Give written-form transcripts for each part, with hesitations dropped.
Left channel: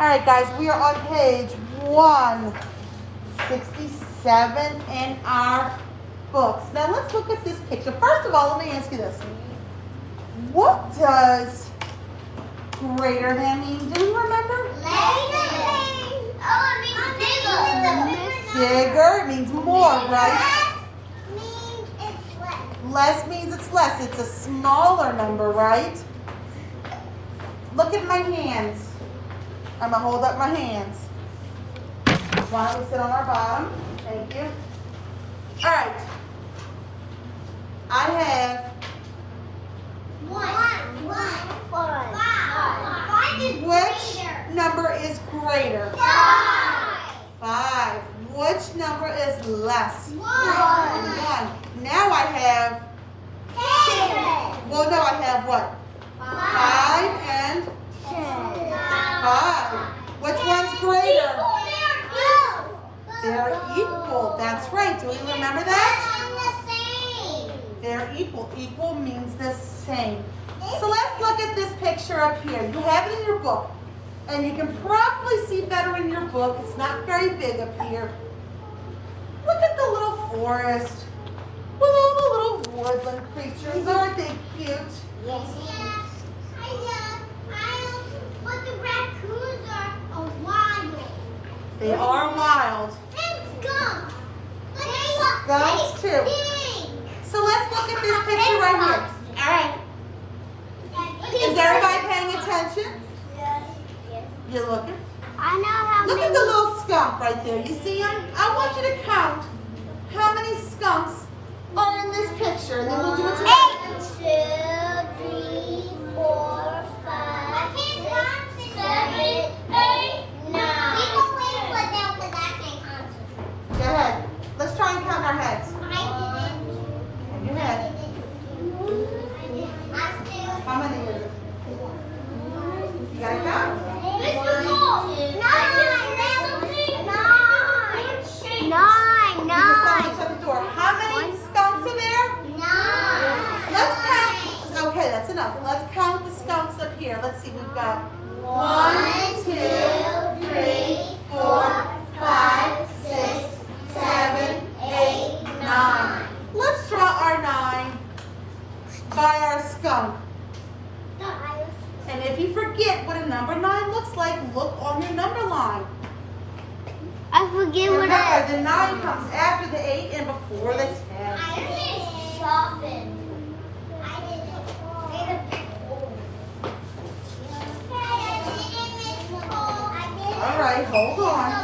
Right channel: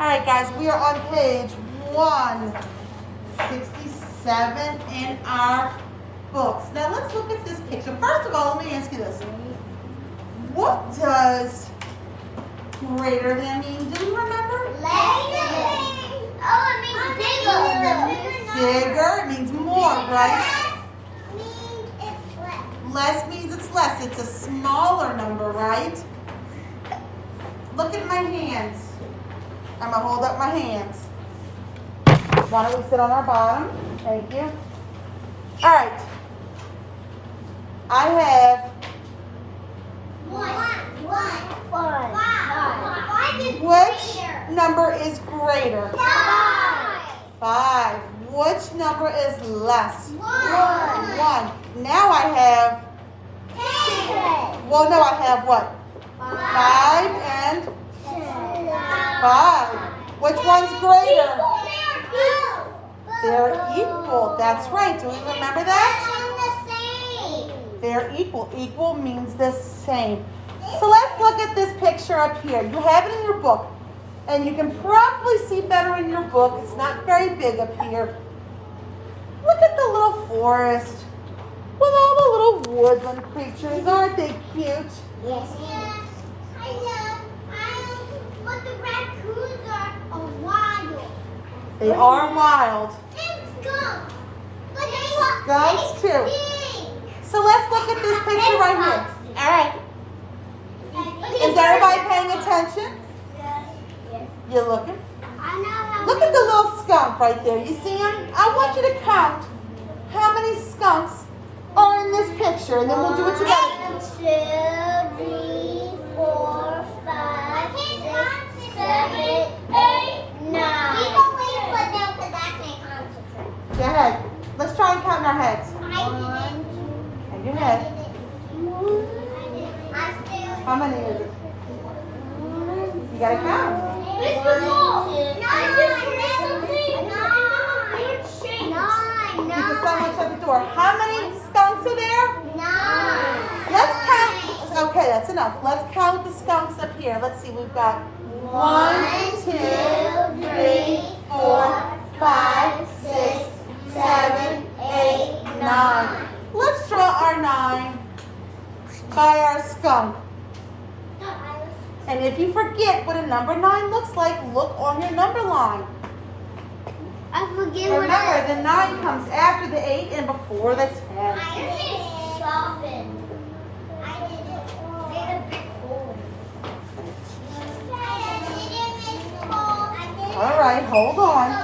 All right, guys, we are on page 167 in our books. Now let's look at this picture. First of all, let me ask you this. What does greater than mean? Do you remember? Oh, it means bigger. Bigger means more, right? Means it's less. Less means it's less. It's a smaller number, right? Look at my hands. I'm going to hold up my hands. Why don't we sit on our bottom? Thank you. All right. I have Five is which greater. number is greater? 5. Which number is less? 1. Now I have, well, no, I have what? 5 and 5. Which one's greater? They're equal. That's right. Do we remember that? They're equal. Equal means the same. So let's look at this picture up here. You have it in your book. And you can probably see better in your book. It's not very big up here. Look at the little forest with all the little woodland creatures. Aren't they cute? But the raccoons are wild. They are wild. And skunks. Skunks too. So let's look at this picture right here. All right. Is everybody paying attention? You're looking? Look at the little skunk right there. You see him? I want you to count how many skunks are in this picture, and then we'll do it together. 1, 2, 3, 4, 5, 6, 7, 8, 9. Go ahead. Let's try and count our heads. And your head. How many is it? You gotta count. Mr. Paul, You can stand each at the door. How many skunks are there? 9. Let's count. Okay, that's enough. Let's count the skunks up here. Let's see. We've got 1, 2, 3, 4, 5, 6, 7, 8, 9. Let's draw our 9 by our skunk. And if you forget what a number 9 looks like, look on your number line. I forget what Remember, the 9 comes after the 8 and before the 10. All right, hold on.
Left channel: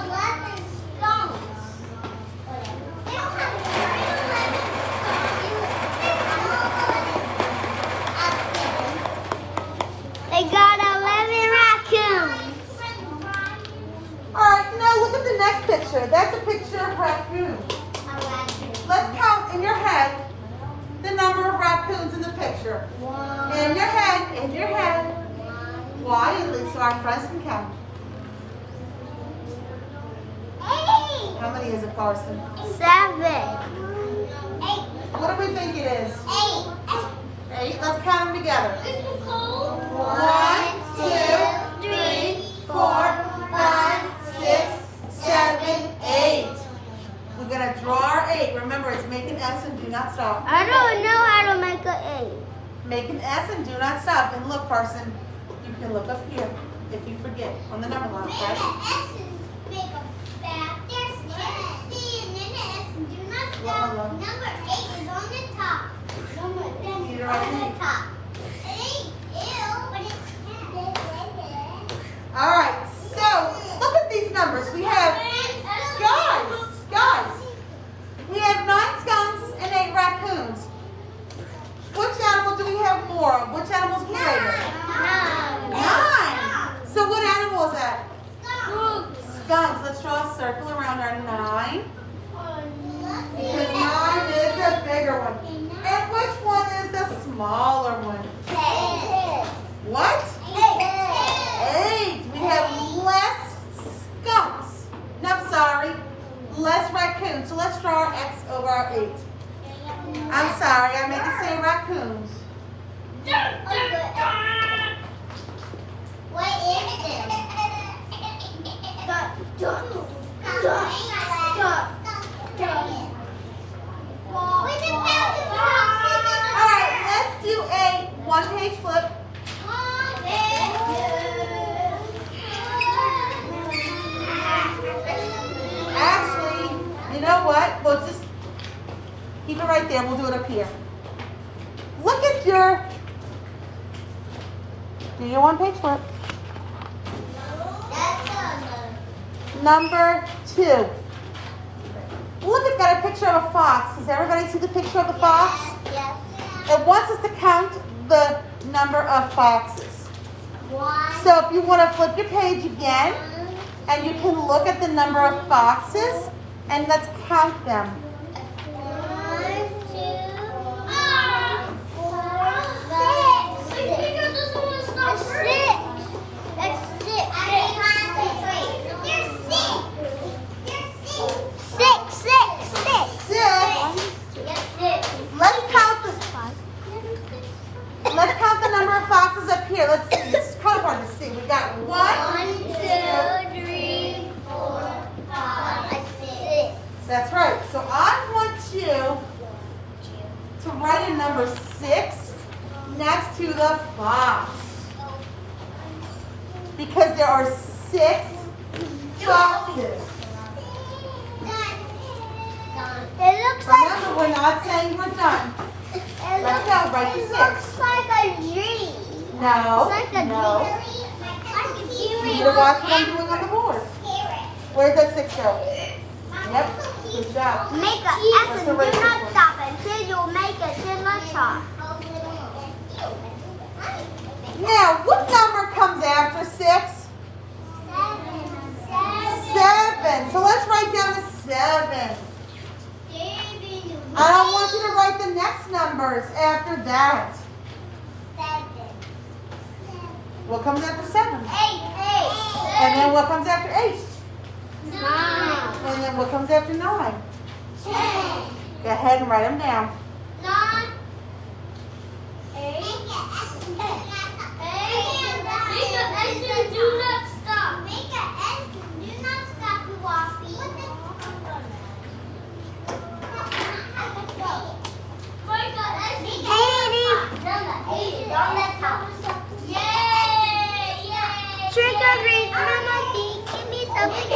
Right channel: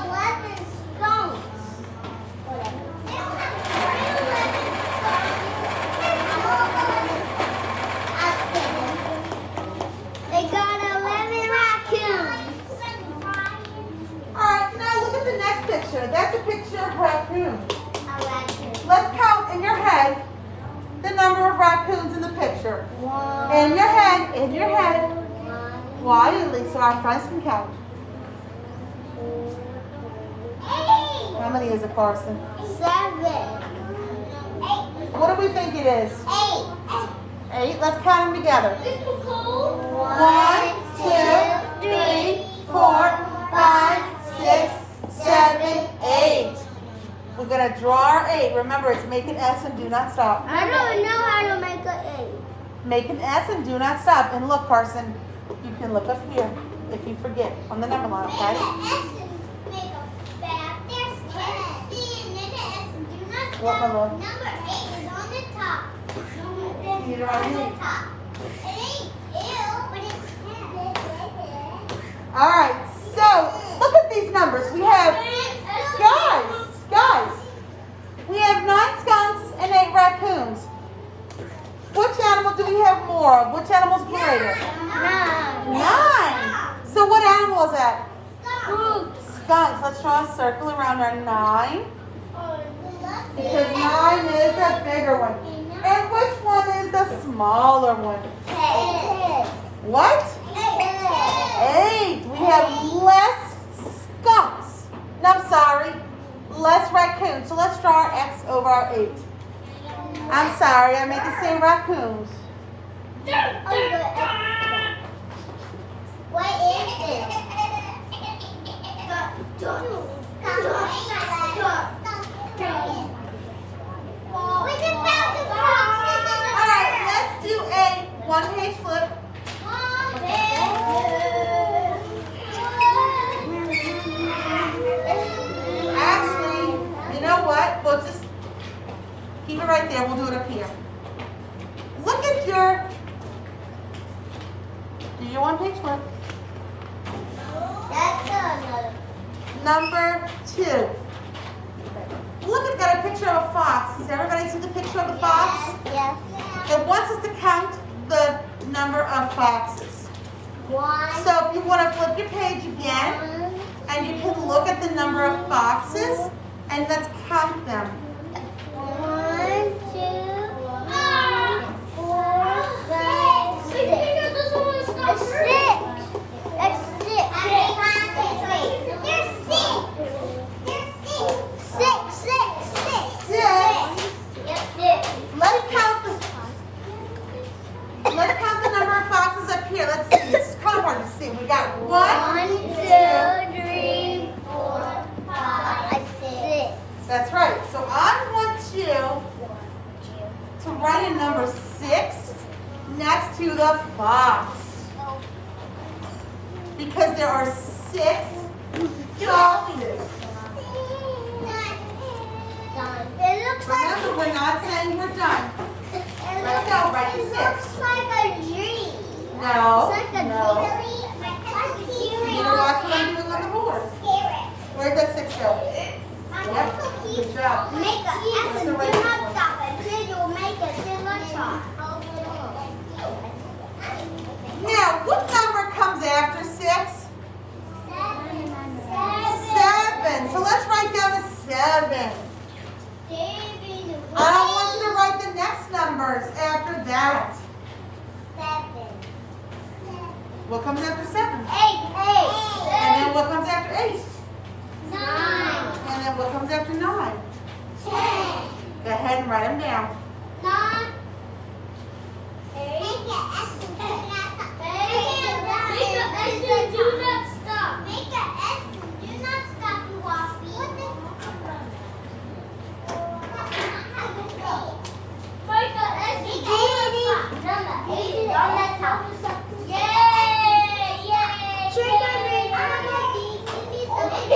They got 11 raccoons. All right, now look at the next picture. That's a picture of raccoons. Let's count in your head the number of raccoons in the picture. In your head, quietly, so our friends can count. How many is it, Carson? 7. 8. What do we think it is? 8. Let's count them together. 1, 2, 3, 4, 5, 6, 7, 8. We're going to draw our 8. Remember, it's make an S and do not stop. I don't know how to make an 8. Make an S and do not stop. And look, Carson, you can look up here if you forget on the number line, right? What number? Number 8 is on the top. Get it right On the here. top. 8, ew, but it's All right, so look at these numbers. We have, guys, we have 9 skunks and 8 raccoons. Which animal do we have more of? Which animal's greater? 9. So what animal is that? Skunks. Let's draw a circle around our 9. Because 9 is the bigger one. And which one is the smaller one? What? 8. We have less skunks. No, I'm sorry. Less raccoons. So let's draw our X over our 8. I'm sorry. I meant to say raccoons. What is it? All right, let's do a one-page flip. Actually, you know what? We'll just keep it right there. We'll do it up here. Look at do your one-page flip. Number 2. Look, it's got a picture of a fox. Does everybody see the picture of the fox? It wants us to count the number of foxes. So if you want to flip your page again, and you can look at the number of foxes, and let's count them. 1, 2, 3, 4, 5, 6. That's 6. You're 6. 6. 6. Let's count the number of foxes up here. Let's see. It's kind of hard to see. We got 1, 1, 2, 3, 4, 5, 6. That's right. So I want you to write a number 6 next to the fox. Because there are 6 foxes. It looks Remember, we're not saying we're done. It Let's go, write the 6. looks like a dream. No, It's like a no. dream. You need to watch what I'm doing on the board. Where's that 6 go? Yep, good job. Make a F and do not stop until you make it to the top. Now, what number comes after 6? 7. So let's write down a 7. I don't want you to write the next numbers after that. What comes after 7? And then what comes after 8? And then what comes after 9? Go ahead and write them down. 9, 8, do not stop. Make a S, do not stop, Waffy. Make a S, do not stop. Yay! Trick or treat, give me something.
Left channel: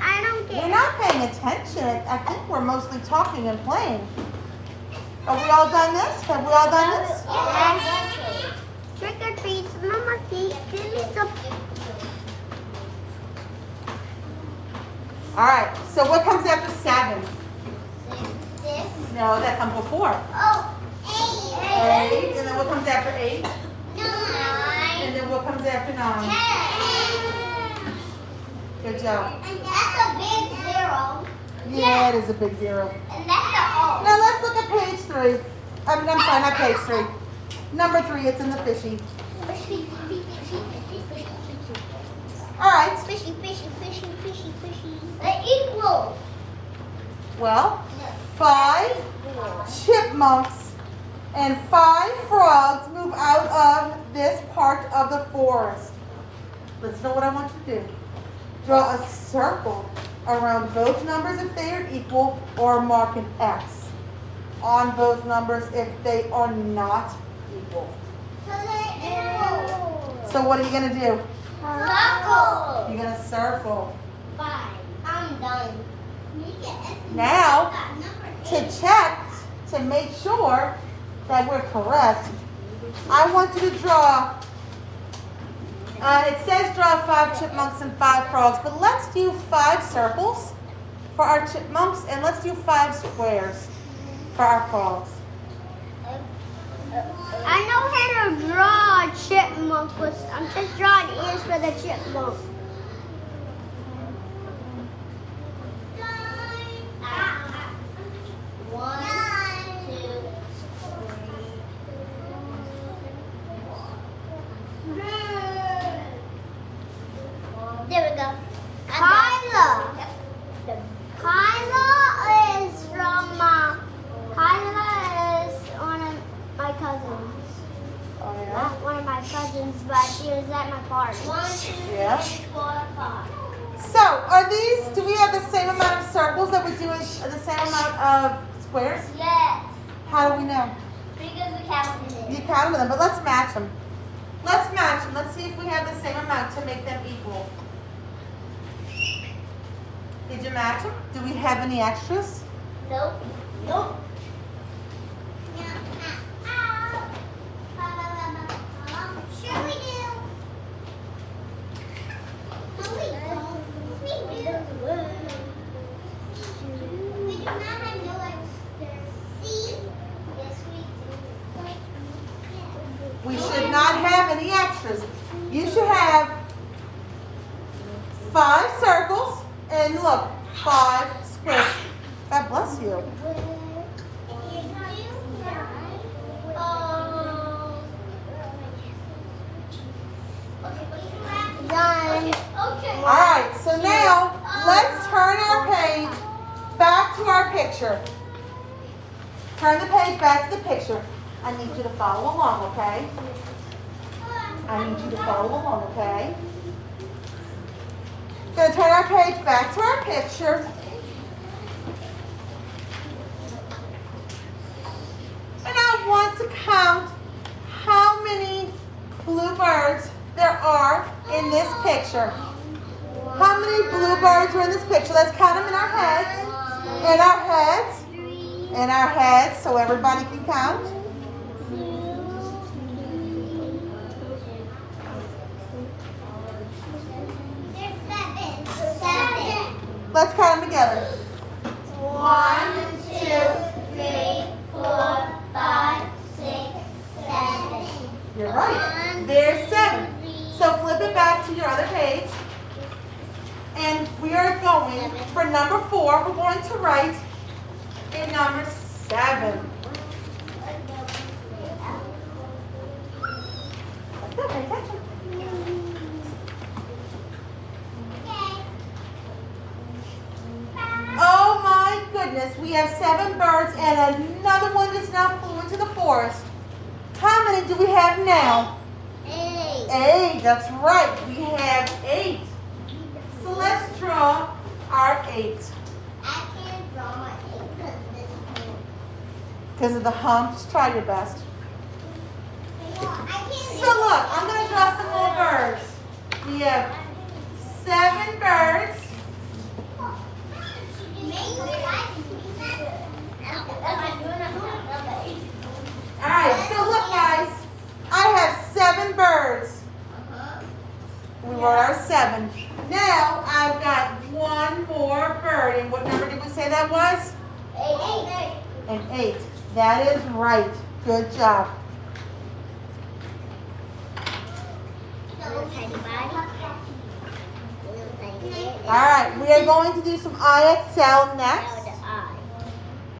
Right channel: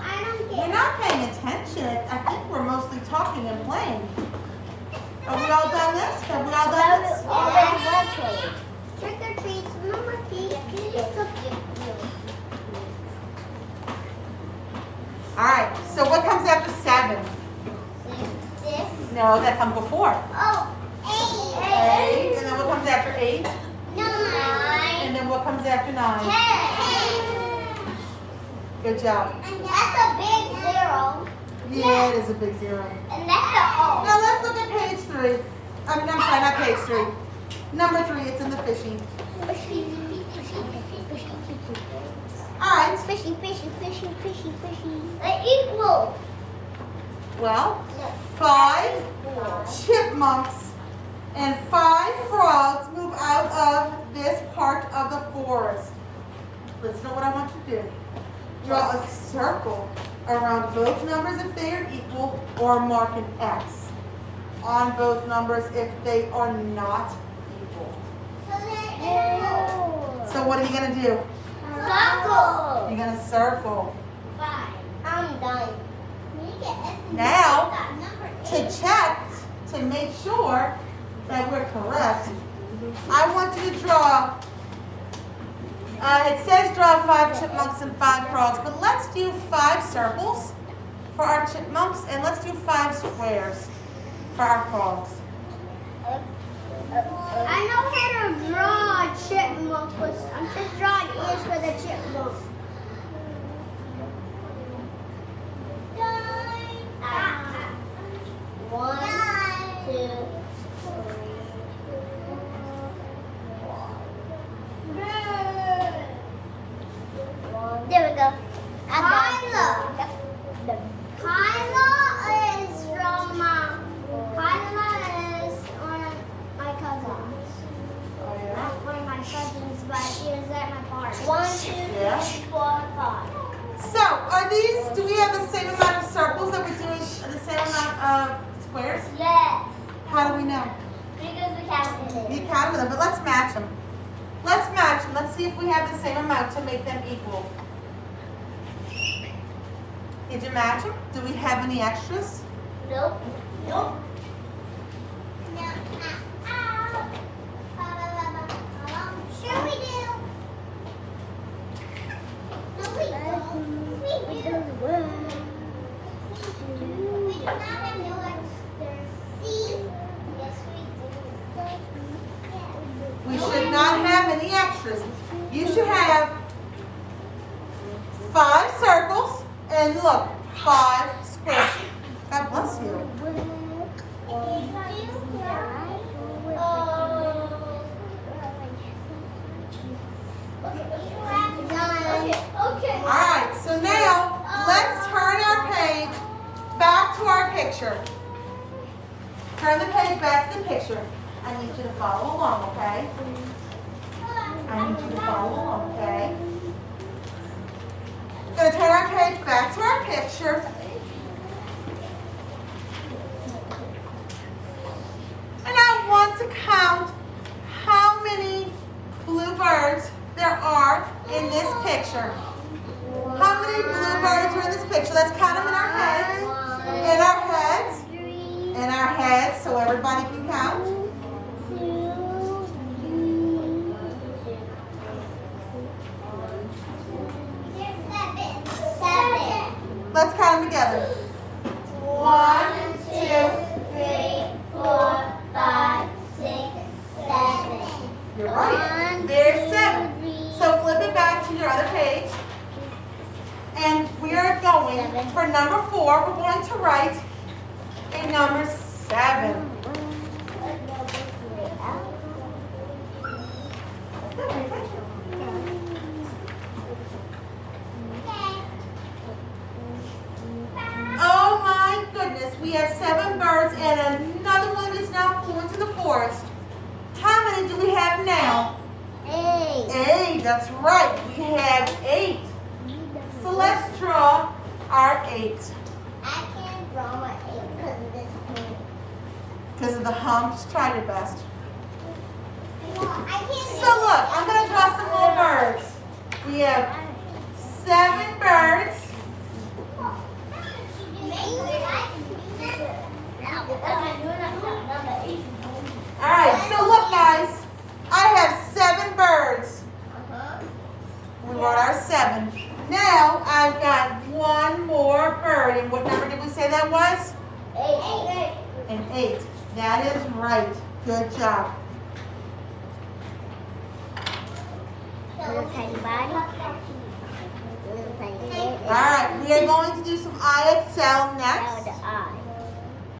I don't We're not paying attention. I think we're mostly talking and playing. Are we all done this? Have we all done this? Trick or treat, Mama, give me something. All right. So what comes after 7? No, that comes before. Oh, 8. And then what comes after 8? 9, And then what comes after 9? 10. Good job. And that's a big 0. Yeah, it is a big 0. And that's the O. Now let's look at page 3. I'm sorry, not page 3. Number 3, it's in the fishy. All right. Fishy. They equal. Well, 5 chipmunks and 5 frogs move out of this part of the forest. Listen to what I want you to do. Draw a circle around both numbers if they are equal, or mark an X on both numbers if they are not equal. So they're equal. So what are you going to do? Circle. You're going to circle. 5. I'm done. Now, to check, to make sure that we're correct, I want you to draw, it says draw 5 chipmunks and 5 frogs, but let's do 5 circles for our chipmunks, and let's do 5 squares for our frogs. I know how to draw chipmunks, but I'm just drawing ears for the chipmunks. There we go. Kyla is from Kyla is one of my cousins. Oh yeah? Not one of my cousins, but she was at my party. 1, 2, Yeah. 3, 4, 5. So, are these, do we have the same amount of circles that we do and the same amount of squares? Yes. How do we know? Because we counted You it. counted them, but let's match them. Let's match them. Let's see if we have the same amount to make them equal. Did you match them? Do we have any extras? Nope. Nope. Sure we do. No, we don't. We do. We do not have no extras. See? Yes, we do. We should not have any extras. You should have 5 circles and look, 5 squares. God bless you. Okay. Alright, so now let's turn our page back to our picture. Turn the page back to the picture. I need you to follow along, okay? I need you to follow along, okay? We're going to turn our page back to our picture. And I want to count how many blue birds there are in this picture. How many blue birds are in this picture? Let's count them in our heads. In our heads. In our heads, so everybody can count. Let's count them together. 1, 2, 3, 4, 5, 6, 7. you're right. There's 7. So flip it back to your other page. And we are going, for number 4, we're going to write a number 7. Oh my goodness, we have 7 birds and another one that's not flew into the forest. How many do we have now? 8, that's right. We have 8. So let's draw our 8. I can't draw my 8 because of this hand. Because of the hump, just try your best. No, I can't So look, I'm going to draw some little birds. We have 7 birds. Alright, so look guys, I have 7 birds. We wrote our 7. Now I've got 1 more bird. And what number did we say that was? 8. An 8. That is right. Good job. Alright, we are going to do some ayat sound next.